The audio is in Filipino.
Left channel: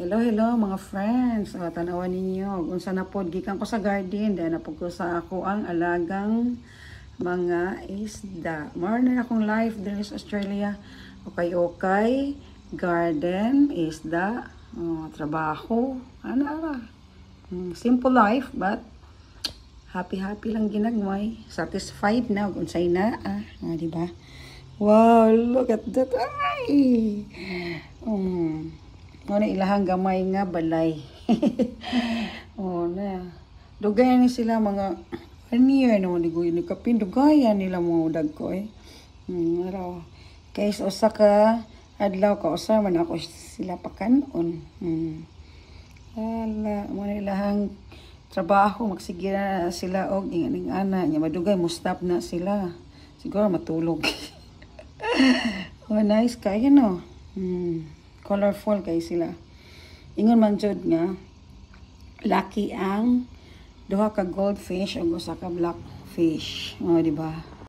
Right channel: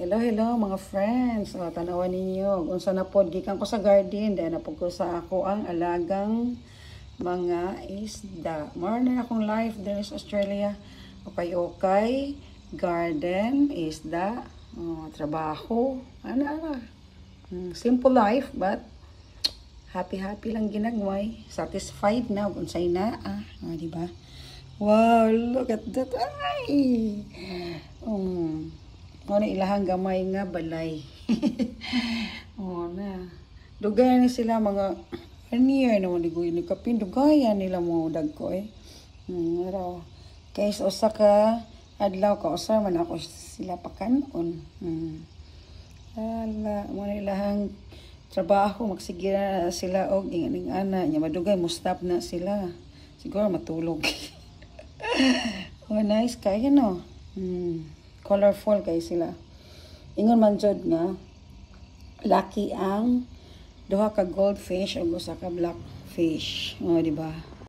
Hello, hello mga friends. O, tanawan ninyo. Unsa na pod gikan ko sa garden. Dahil napod ko sa ako ang alagang mga isda. More na akong life there sa Australia. Okay. Garden, isda, trabaho. Ano ba? Simple life but happy lang ginagmay. Satisfied na. Unsay na. Diba? Wow, look at that. Ay! Muna ilahang gamay nga balay. Na. Dugayan ni sila mga niya no ligoy ni kapin dugayan nila mo dag ko kay usa ka adlaw ko usa man ako sila pakanon. Mo ilahang trabaho magsigira sila og ining ana nya madugay mo stop na sila. Siguro matulog. Nice kayo no. Colorful kay sila. Ingon man jud nga lucky ang duha ka goldfish ug usa ka blackfish, di ba?